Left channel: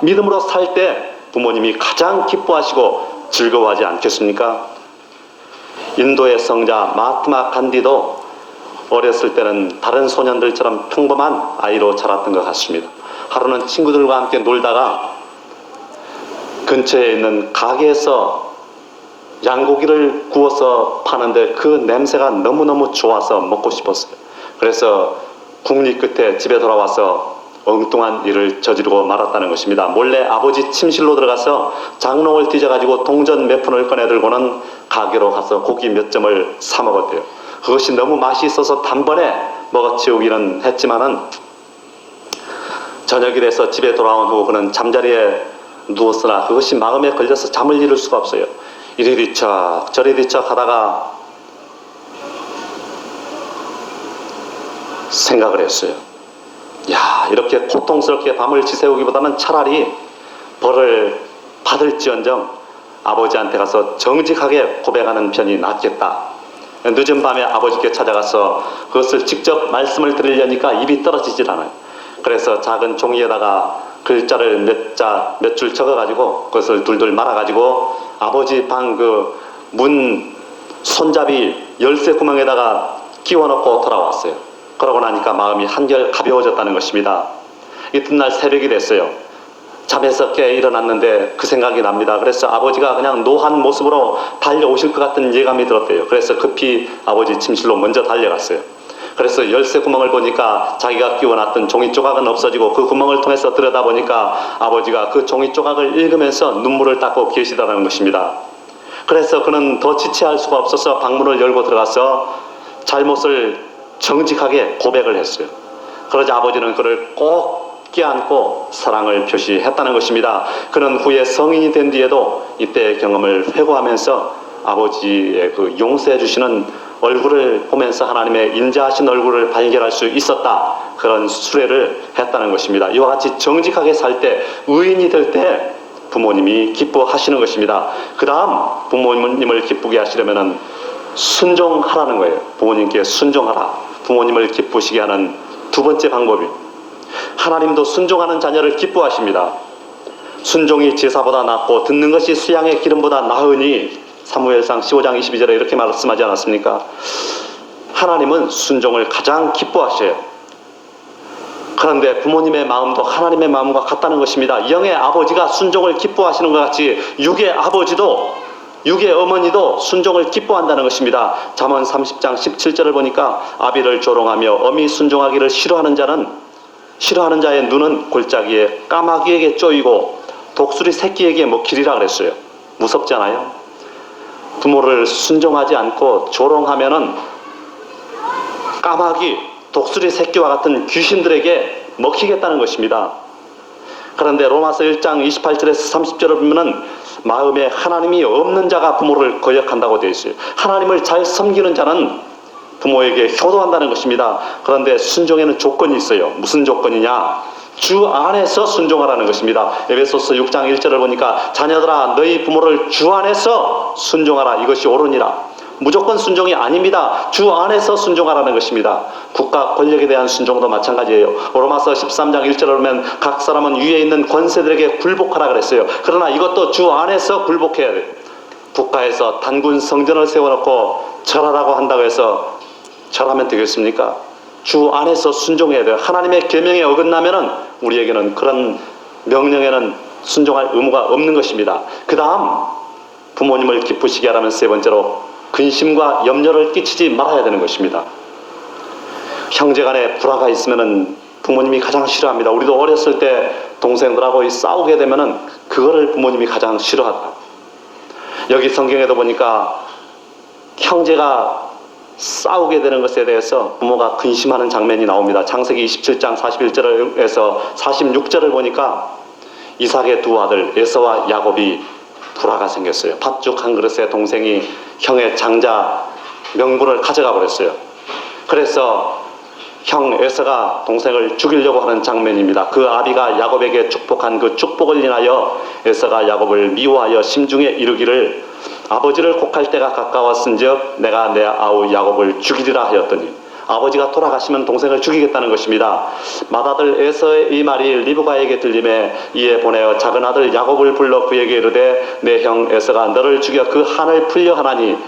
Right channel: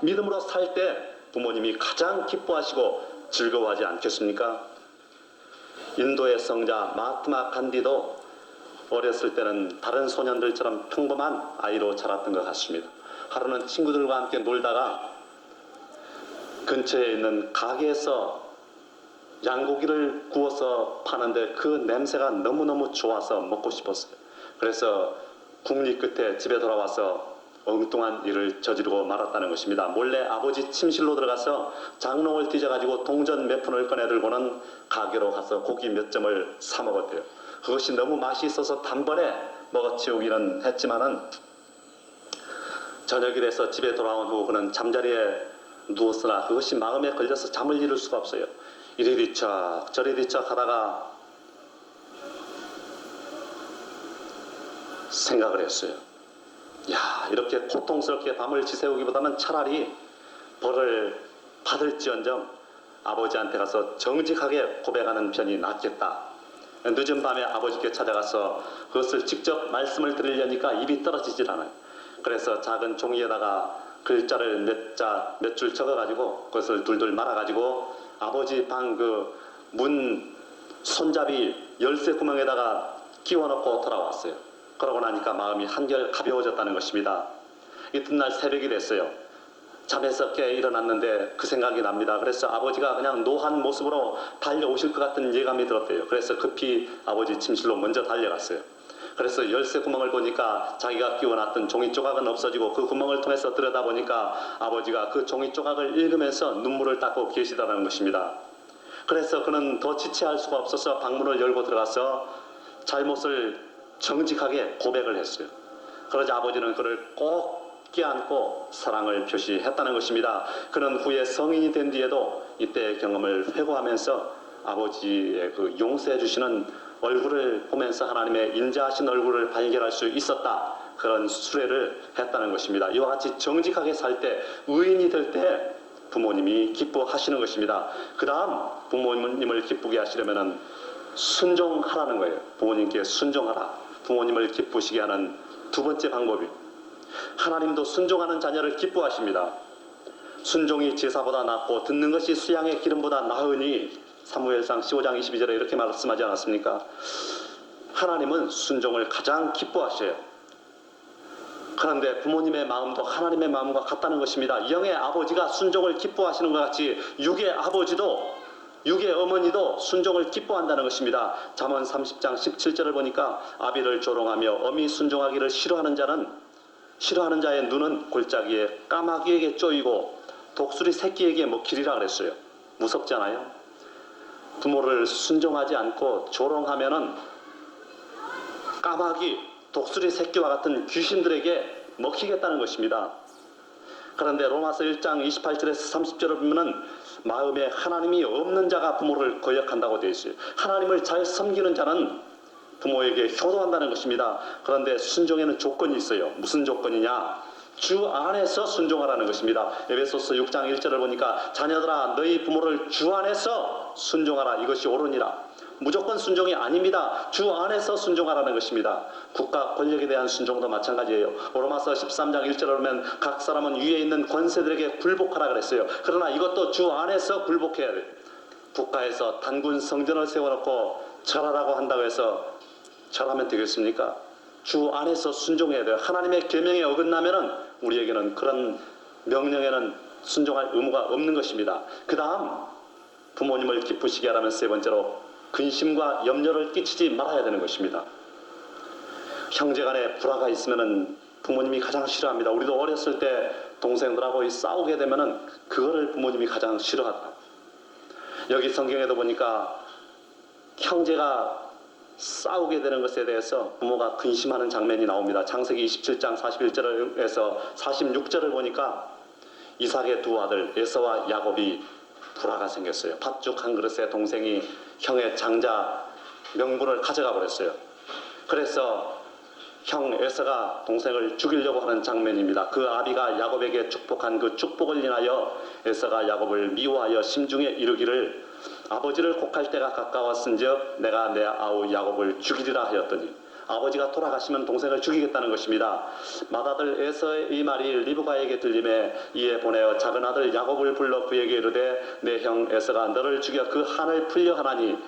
믿음으로 살 때 부모님이 가장 기뻐하시고 즐거워하지 않겠습니까? 인도의 성자 마하트마 간디도 어렸을 때는 다른 소년들처럼 평범한 아이로 자랐던 것 같습니다. 하루는 친구들과 함께 놀다가 근처에 있는 가게에서 양고기를 구워서 파는데 그 냄새가 너무너무 좋아서 먹고 싶었어요. 그래서 국리 끝에 집에 돌아와서 엉뚱한 일을 저지르고 말았다는 것입니다. 몰래 아버지 침실로 들어가서 장롱을 뒤져가지고 동전 몇 푼을 꺼내들고는 가게로 가서 고기 몇 점을 사 먹었대요. 그것이 너무 맛이 있어서 단번에 먹어치우기는 했지만은 저녁이 돼서 집에 돌아온 후 그는 잠자리에 누웠으나 그것이 마음에 걸려서 잠을 이룰 수가 없어요. 이리 뒤척 저리 뒤척 하다가 생각을 했어요. 야, 이렇게 고통스럽게 밤을 지새우기보다는 차라리 벌을 받을지언정 아버지한테 가서 정직하게 고백하는 편이 낫겠다. 늦은 밤에 아버지께 찾아가서 그것을 직접 말씀을 드리려니까 입이 떨어지질 않아요. 그래서 작은 종이에다가 글자를 몇 줄 적어가지고 그것을 둘둘 말아가지고 아버지 방 그 문 손잡이 열쇠 구멍에다가 끼워넣고 돌아왔어요. 그러고 나니까 마음이 한결 가벼워졌다는 것입니다. 이튿날 새벽이 됐어요. 잠에서 깨 일어났는데 그 생각이 납니다. 그래서 아버지가 그냥 노한 모습으로 달려오실 것 같은 예감이 들었대요. 그래서 급히 아버지 침실로 먼저 달려갔어요. 그래서 열쇠 구멍을 보니까 자기가 끼워놨던 종이 조각은 없어지고 그 구멍을 통해서 들여다보니까 아버지가 그 종이 조각을 읽으면서 눈물을 닦고 계시다는 것입니다. 그래서 그는 더 지체할 수가 없어서 방문을 열고 들어가서 잘못을 정직하게 고백을 했어요. 그러자 아버지는 그를 꼭 껴안고 사랑을 표시했다는 것입니다. 그는 후에 성인이 된 뒤에도 이때의 경험을 회고하면서 아버지의 그 용서해 주시는 얼굴을 보면서 하나님의 인자하신 얼굴을 발견할 수 있었다. 그런 수레를 했다는 것입니다. 이와 같이 정직하게 살 때, 의인이 될 때 부모님이 기뻐하시는 것입니다. 그 다음 부모님을 기쁘게 하시려면 순종하라는 거예요. 부모님께 순종하라. 부모님을 기쁘시게 하는 두 번째 방법이 하나님도 순종하는 자녀를 기뻐하십니다. 순종이 제사보다 낫고 듣는 것이 수양의 기름보다 나으니 사무엘상 15장 22절에 이렇게 말씀하지 않았습니까? 하나님은 순종을 가장 기뻐하셔요. 그런데 부모님의 마음도 하나님의 마음과 같다는 것입니다. 영의 아버지가 순종을 기뻐하시는 것 같이 육의 아버지도 육의 어머니도 순종을 기뻐한다는 것입니다. 잠언 30장 17절을 보니까 아비를 조롱하며 어미 순종하기를 싫어하는 자의 눈은 골짜기에 까마귀에게 쪼이고 독수리 새끼에게 먹히리라 그랬어요. 무섭잖아요. 부모를 순종하지 않고 조롱하면은 까마귀, 독수리 새끼와 같은 귀신들에게 먹히겠다는 것입니다. 그런데 로마서 1장 28절에서 30절을 보면은 마음에 하나님이 없는 자가 부모를 거역한다고 되어 있어요. 하나님을 잘 섬기는 자는 부모에게 효도한다는 것입니다. 그런데 순종에는 조건이 있어요. 무슨 조건이냐? 주 안에서 순종하라는 것입니다. 에베소서 6장 1절을 보니까 자녀들아 너희 부모를 주 안에서 순종하라. 이것이 옳으니라. 무조건 순종이 아닙니다. 주 안에서 순종하라는 것입니다. 국가 권력에 대한 순종도 마찬가지예요. 로마서 13장 1절을 보면 각 사람은 위에 있는 권세들에게 굴복하라 그랬어요. 그러나 이것도 주 안에서 굴복해야 돼요. 국가에서 단군 성전을 세워놓고 절하라고 한다고 해서 절하면 되겠습니까? 주 안에서 순종해야 돼요. 하나님의 계명에 어긋나면은 우리에게는 그런 명령에는 순종할 의무가 없는 것입니다. 그 다음 부모님을 기쁘시게 하라면 세 번째로 근심과 염려를 끼치지 말아야 되는 것입니다. 형제간에 불화가 있으면은 부모님이 가장 싫어합니다. 우리도 어렸을 때 동생들하고 싸우게 되면은 그거를 부모님이 가장 싫어하다. 여기 성경에도 보니까 형제가 싸우게 되는 것에 대해서 부모가 근심하는 장면이 나옵니다. 창세기 27장 41절에서 46절을 보니까 이삭의 두 아들 에서와 야곱이 불화가 생겼어요. 팥죽 한 그릇에 동생이 형의 장자 명분을 가져가 버렸어요. 그래서 형 에서가 동생을 죽이려고 하는 장면입니다. 그 아비가 야곱에게 축복한 그 축복을 인하여 에서가 야곱을 미워하여 심중에 이르기를 아버지를 곡할 때가 가까웠은즉 내가 내 아우 야곱을 죽이리라 하였더니 아버지가 돌아가시면 동생을 죽이겠다는 것입니다. 맏아들 에서의 이 말이 리브가에게 들림에 이에 보내어 작은 아들 야곱을 불러 그에게 이르되 내 형 에서가 너를 죽여 그 한을 풀려 하나니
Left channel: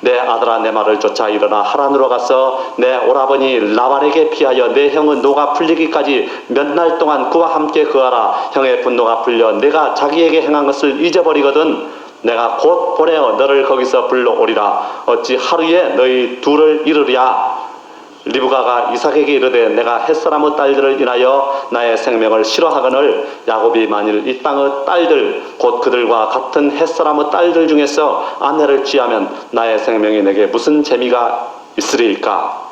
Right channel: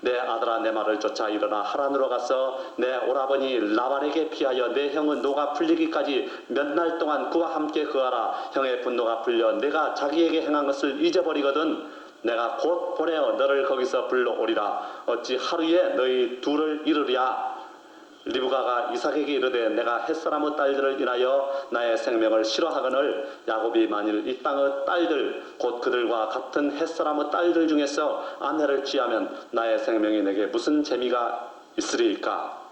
내 아들아 내 말을 쫓아 일어나 하란으로 가서 내 오라버니 라반에게 피하여 내 형은 노가 풀리기까지 몇 날 동안 그와 함께 거하라. 형의 분노가 풀려 내가 자기에게 행한 것을 잊어버리거든 내가 곧 보내어 너를 거기서 불러오리라. 어찌 하루에 너희 둘을 이르랴. 리브가가 이삭에게 이르되 내가 햇사람의 딸들을 인하여 나의 생명을 싫어하거늘 야곱이 만일 이 땅의 딸들 곧 그들과 같은 햇사람의 딸들 중에서 아내를 취하면 나의 생명이 내게 무슨 재미가 있으리까.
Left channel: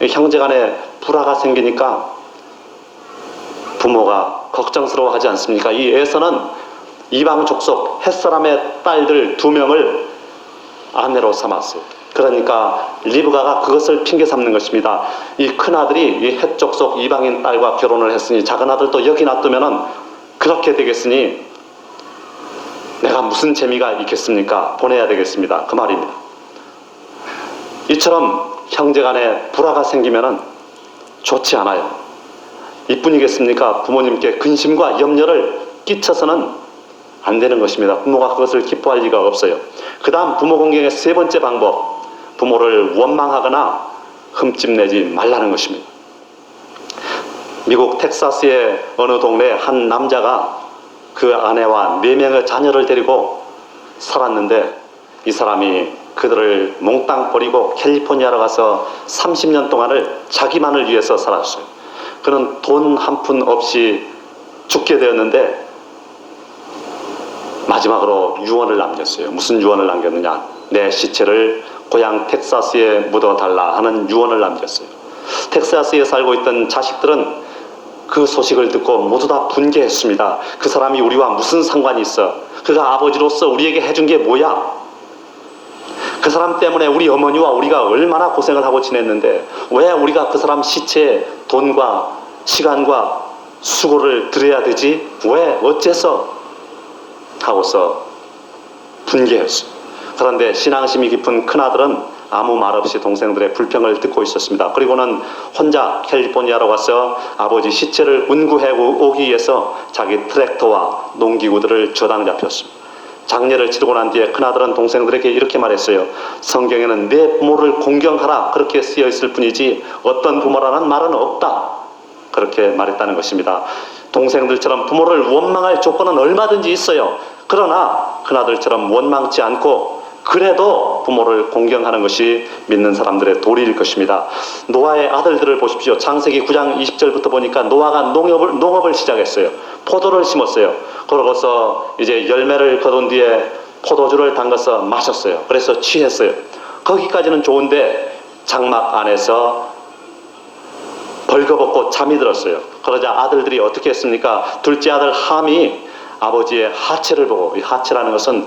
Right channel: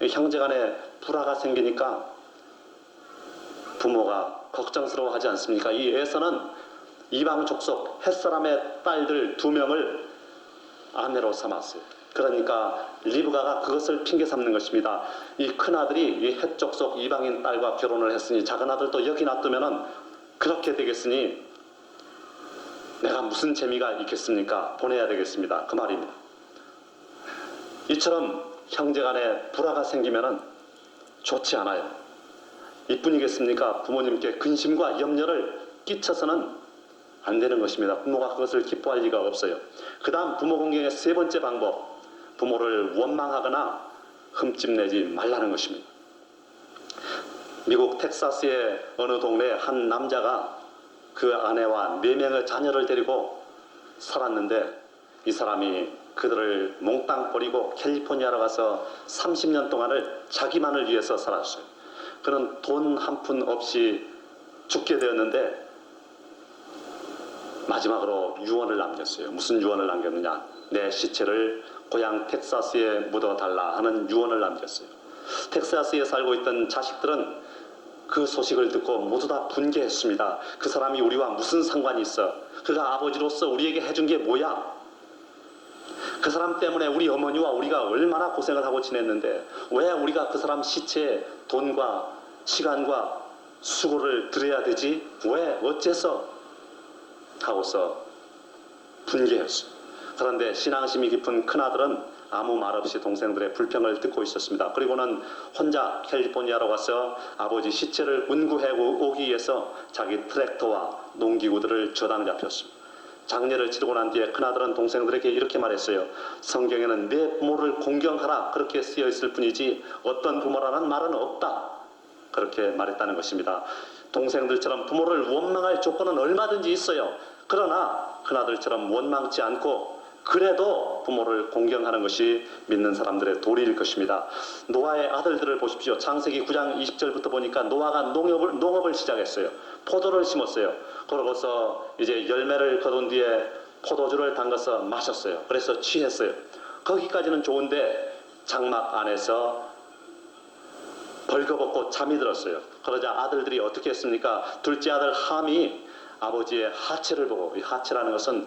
형제간에 불화가 생기니까 부모가 걱정스러워하지 않습니까? 이 에서는 이방 족속 햇사람의 딸들 2명을 아내로 삼았어요. 그러니까 리브가가 그것을 핑계 삼는 것입니다. 이 큰아들이 이 헷족속 이방인 딸과 결혼을 했으니 작은 아들도 여기 놔두면은 그렇게 되겠으니 내가 무슨 재미가 있겠습니까? 보내야 되겠습니다. 그 말입니다. 이처럼 형제간에 불화가 생기면은 좋지 않아요. 이뿐이겠습니까? 부모님께 근심과 염려를 끼쳐서는 안 되는 것입니다. 부모가 그것을 기뻐할 리가 없어요. 그 다음 부모 공경의 3번째 방법, 부모를 원망하거나 흠집내지 말라는 것입니다. 미국 텍사스의 어느 동네에 한 남자가 그 아내와 4명의 자녀를 데리고 살았는데 이 사람이 그들을 몽땅 버리고 캘리포니아로 가서 30년 동안을 자기만을 위해서 살았어요. 그는 돈 한 푼 없이 죽게 되었는데 마지막으로 유언을 남겼어요. 무슨 유언을 남겼느냐? 내 시체를 고향 텍사스에 묻어달라 하는 유언을 남겼어요. 텍사스에 살고 있던 자식들은 그 소식을 듣고 모두 다 분개했습니다. 그 사람이 우리와 무슨 상관이 있어? 그가 아버지로서 우리에게 해준 게 뭐야? 그 사람 때문에 우리 어머니와 우리가 얼마나 고생을 하고 지냈는데 왜 우리가 그 사람 시체에 돈과 시간과 수고를 들여야 되지? 왜? 어째서? 하고서 분개했어요. 그런데 신앙심이 깊은 큰아들은 아무 말 없이 동생들의 불평을 듣고 있었습니다. 그리고는 혼자 캘리포니아로 가서 아버지 시체를 운구해 오기 위해서 자기 트랙터와 농기구들을 저당 잡혔습니다. 장례를 치르고 난 뒤에 큰아들은 동생들에게 이렇게 말했어요. 성경에는 내 부모를 공경하라 그렇게 쓰여 있을 뿐이지 어떤 부모라는 말은 없다. 그렇게 말했다는 것입니다. 동생들처럼 부모를 원망할 조건은 얼마든지 있어요. 그러나 큰아들처럼 원망치 않고 그래도 부모를 공경하는 것이 믿는 사람들의 도리일 것입니다. 노아의 아들들을 보십시오. 창세기 9장 20절부터 보니까 노아가 농업을 시작했어요. 포도를 심었어요. 그러고서 이제 열매를 거둔 뒤에 포도주를 담가서 마셨어요. 그래서 취했어요. 거기까지는 좋은데 장막 안에서 벌거벗고 잠이 들었어요. 그러자 아들들이 어떻게 했습니까? 둘째 아들 함이 아버지의 하체를 보고, 이 하체라는 것은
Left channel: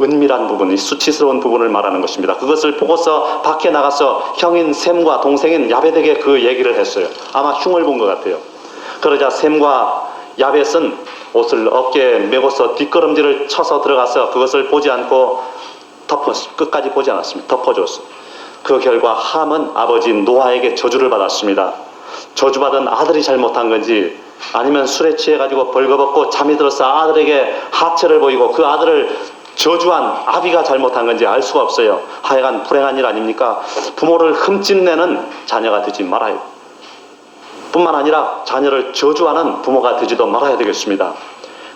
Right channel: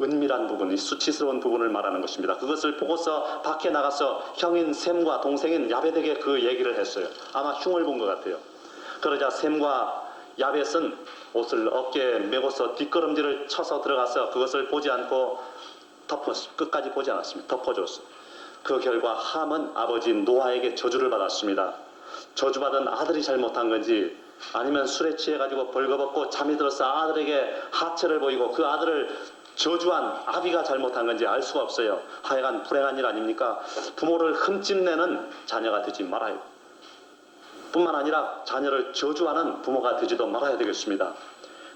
은밀한 부분, 이 수치스러운 부분을 말하는 것입니다. 그것을 보고서 밖에 나가서 형인 셈과 동생인 야벳에게 그 얘기를 했어요. 아마 흉을 본 것 같아요. 그러자 셈과 야벳은 옷을 어깨에 메고서 뒷걸음질을 쳐서 들어가서 그것을 보지 않고 끝까지 보지 않았습니다. 덮어줬어요. 그 결과 함은 아버지 노아에게 저주를 받았습니다. 저주받은 아들이 잘못한 건지 아니면 술에 취해가지고 벌거벗고 잠이 들어서 아들에게 하체를 보이고 그 아들을 저주한 아비가 잘못한 건지 알 수가 없어요. 하여간 불행한 일 아닙니까? 부모를 흠집내는 자녀가 되지 말아요. 뿐만 아니라 자녀를 저주하는 부모가 되지도 말아야 되겠습니다.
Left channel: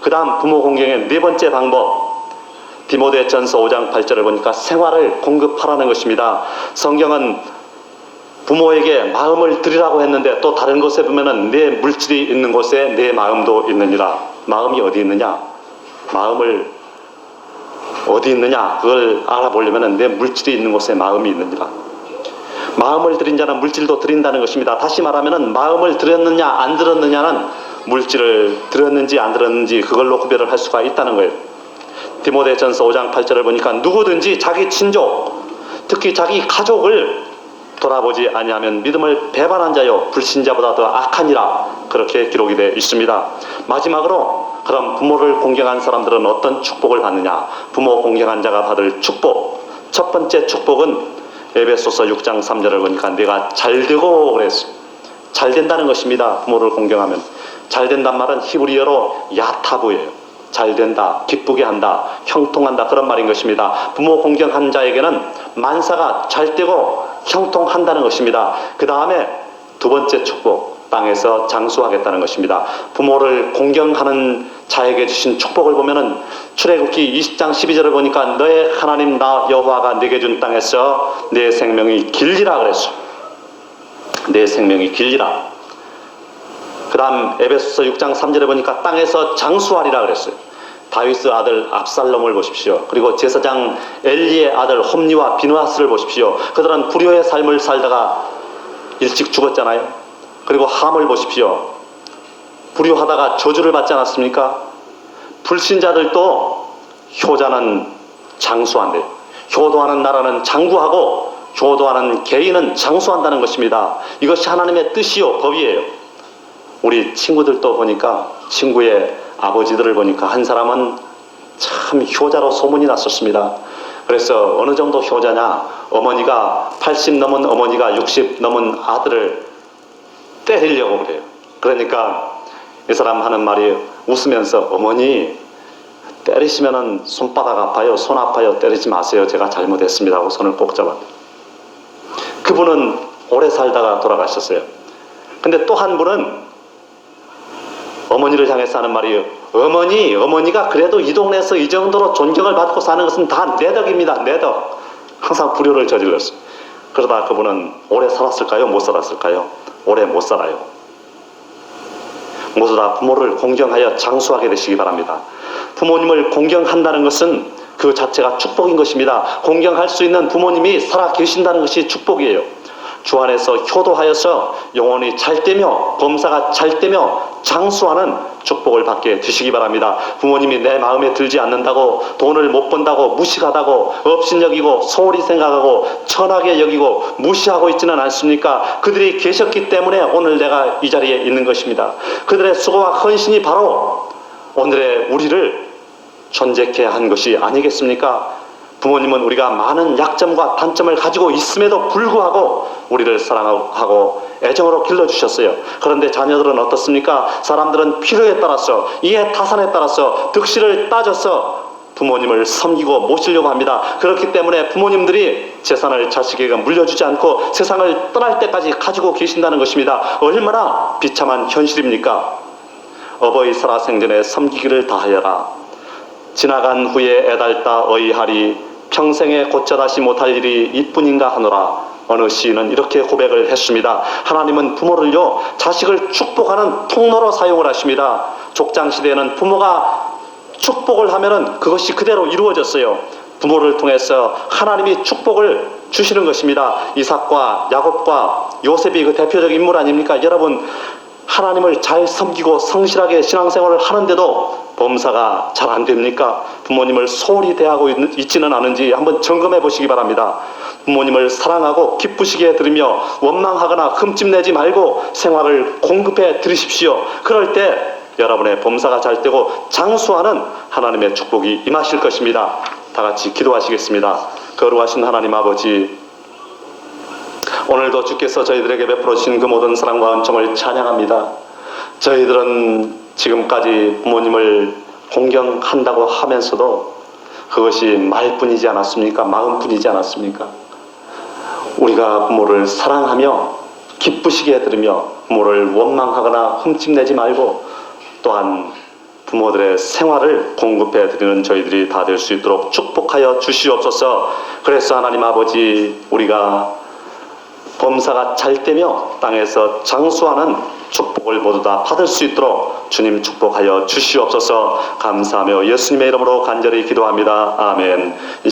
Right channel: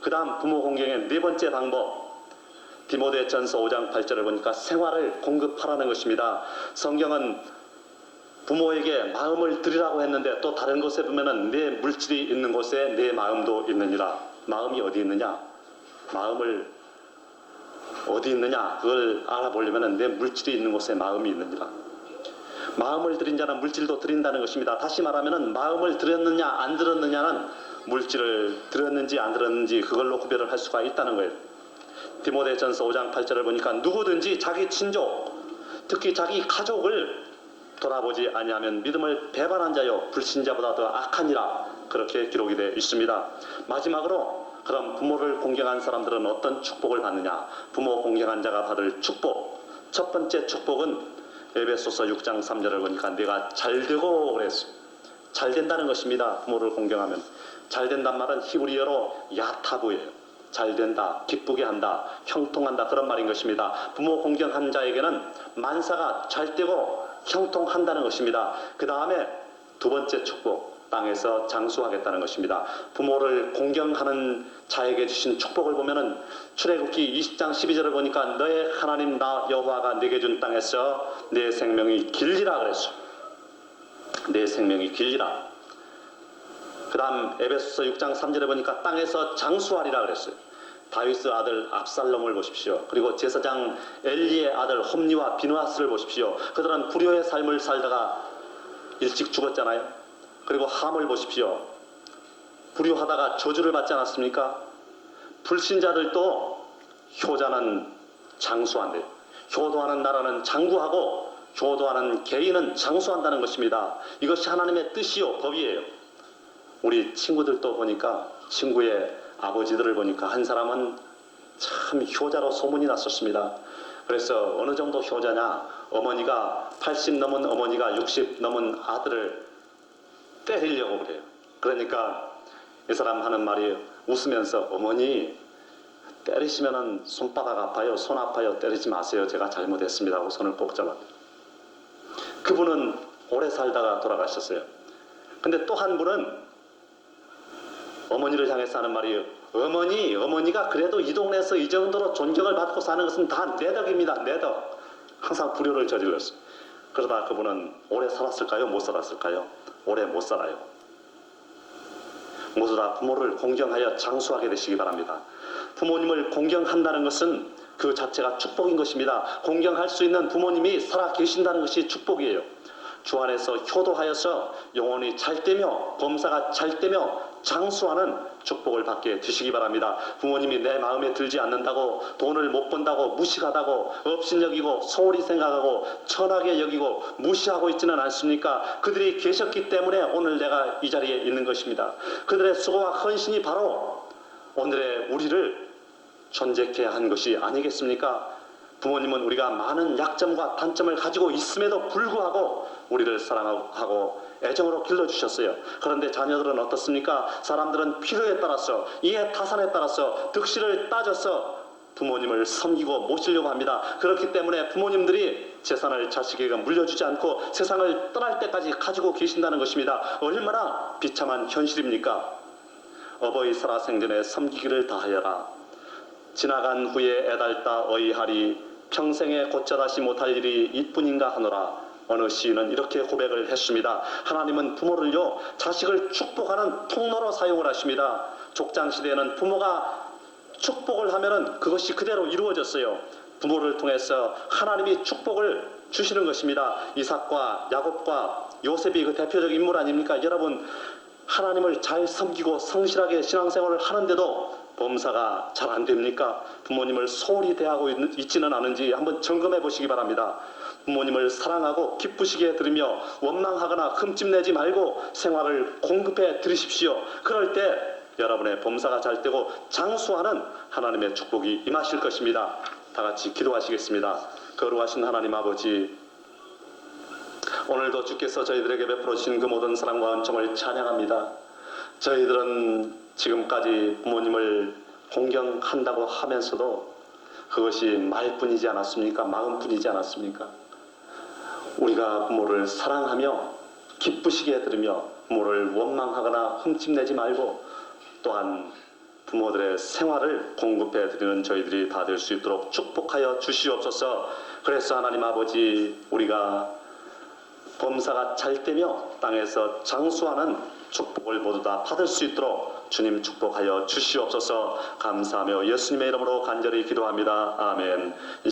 그 다음 부모 공경의 4번째 방법, 디모데전서 5장 8절을 보니까 생활을 공급하라는 것입니다. 성경은 부모에게 마음을 드리라고 했는데 또 다른 곳에 보면은 내 물질이 있는 곳에 내 마음도 있느니라. 마음이 어디 있느냐? 마음을 어디 있느냐? 그걸 알아보려면은 내 물질이 있는 곳에 마음이 있느니라. 마음을 드린 자는 물질도 드린다는 것입니다. 다시 말하면은 마음을 드렸느냐 안 드렸느냐는 물질을 드렸는지 안 드렸는지 그걸로 구별을 할 수가 있다는 거예요. 디모데전서 5장 8절을 보니까 누구든지 자기 친족, 특히 자기 가족을 돌아보지 아니하면 믿음을 배반한 자요 불신자보다 더 악하니라. 그렇게 기록이 되어 있습니다. 마지막으로 그럼 부모를 공경한 사람들은 어떤 축복을 받느냐? 부모 공경한 자가 받을 축복. 첫 번째 축복은 에베소서 6장 3절을 보니까 내가 잘되고 그랬어요. 잘 된다는 것입니다. 부모를 공경하면. 잘 된단 말은 히브리어로 야타부예요. 잘 된다, 기쁘게 한다, 형통한다, 그런 말인 것입니다. 부모 공경한 자에게는 만사가 잘 되고 형통한다는 것입니다. 그 다음에 두 번째 축복, 땅에서 장수하겠다는 것입니다. 부모를 공경하는 자에게 주신 축복을 보면은 출애굽기 20장 12절을 보니까 너의 하나님 나 여호와가 네게 준 땅에서 내 생명이 길리라 그랬어. 내 생명이 길리라. 그 다음 에베소서 6장 3절에 보니까 땅에서 장수하리라 그랬어요. 다윗의 아들 압살롬을 보십시오. 그리고 제사장 엘리의 아들 홈리와 비느하스를 보십시오. 그들은 불효의 삶을 살다가 일찍 죽었잖아요. 그리고 함을 보십시오. 불효하다가 저주를 받지 않았습니까? 불신자들도 효자는 장수한대요. 효도하는 나라는 장구하고 효도하는 개인은 장수한다는 것입니다. 이것이 하나님의 뜻이요 법이에요. 우리 친구들도 보니까 친구의 아버지들을 보니까 한 사람은 참 효자로 소문이 났었습니다. 그래서 어느 정도 효자냐, 어머니가 80 넘은 어머니가 60 넘은 아들을 때리려고 그래요. 그러니까 이 사람 하는 말이 웃으면서 어머니 때리시면은 손바닥 아파요, 손 아파요, 때리지 마세요, 제가 잘못했습니다 하고 손을 꼭 잡았대요. 그분은 오래 살다가 돌아가셨어요. 근데 또 한 분은 어머니를 향해서 하는 말이 어머니가 그래도 이 동네에서 이 정도로 존경을 받고 사는 것은 다 내 덕입니다. 내 덕. 항상 불효를 저질렀어요. 그러다 그분은 오래 살았을까요? 못 살았을까요? 오래 못 살아요. 모두 다 부모를 공경하여 장수하게 되시기 바랍니다. 부모님을 공경한다는 것은 그 자체가 축복인 것입니다. 공경할 수 있는 부모님이 살아 계신다는 것이 축복이에요. 주 안에서 효도하여서 영혼이 잘 되며 범사가 잘 되며 장수하는 축복을 받게 되시기 바랍니다. 부모님이 내 마음에 들지 않는다고 돈을 못 번다고 무식하다고 업신여기고 소홀히 생각하고 천하게 여기고 무시하고 있지는 않습니까? 그들이 계셨기 때문에 오늘 내가 이 자리에 있는 것입니다. 그들의 수고와 헌신이 바로 오늘의 우리를 존재케 한 것이 아니겠습니까? 부모님은 우리가 많은 약점과 단점을 가지고 있음에도 불구하고 우리를 사랑하고 애정으로 길러주셨어요. 그런데 자녀들은 어떻습니까? 사람들은 필요에 따라서 이해 타산에 따라서 득실을 따져서 부모님을 섬기고 모시려고 합니다. 그렇기 때문에 부모님들이 재산을 자식에게 물려주지 않고 세상을 떠날 때까지 가지고 계신다는 것입니다. 얼마나 비참한 현실입니까? 어버이 살아생전에 섬기기를 다하여라. 지나간 후에 애달다 어이하리. 평생에 고쳐 다시 못할 일이 이뿐인가 하노라. 어느 시인은 이렇게 고백을 했습니다. 하나님은 부모를요 자식을 축복하는 통로로 사용을 하십니다. 족장시대에는 부모가 축복을 하면은 그것이 그대로 이루어졌어요. 부모를 통해서 하나님이 축복을 주시는 것입니다. 이삭과 야곱과 요셉이 그 대표적 인물 아닙니까? 여러분 하나님을 잘 섬기고 성실하게 신앙생활을 하는데도 범사가 잘 안 됩니까? 부모님을 소홀히 대하고 있지는 않은지 한번 점검해 보시기 바랍니다. 부모님을 사랑하고 기쁘시게 들으며 원망하거나 흠집내지 말고 생활을 공급해 드리십시오. 그럴 때 여러분의 범사가 잘 되고 장수하는 하나님의 축복이 임하실 것입니다. 다 같이 기도하시겠습니다. 거룩하신 하나님 아버지, 오늘도 주께서 저희들에게 베풀어 주신 그 모든 사랑과 은총을 찬양합니다. 저희들은 지금까지 부모님을 공경한다고 하면서도 그것이 말뿐이지 않았습니까? 마음뿐이지 않았습니까? 우리가 부모를 사랑하며 기쁘시게 해드리며 부모를 원망하거나 흠집내지 말고 또한 부모들의 생활을 공급해 드리는 저희들이 다 될 수 있도록 축복하여 주시옵소서. 그래서 하나님 아버지, 우리가 범사가 잘 되며 땅에서 장수하는 축복을 모두 다 받을 수 있도록 주님 축복하여 주시옵소서. 감사하며 예수님의 이름으로 간절히 기도합니다. 아멘.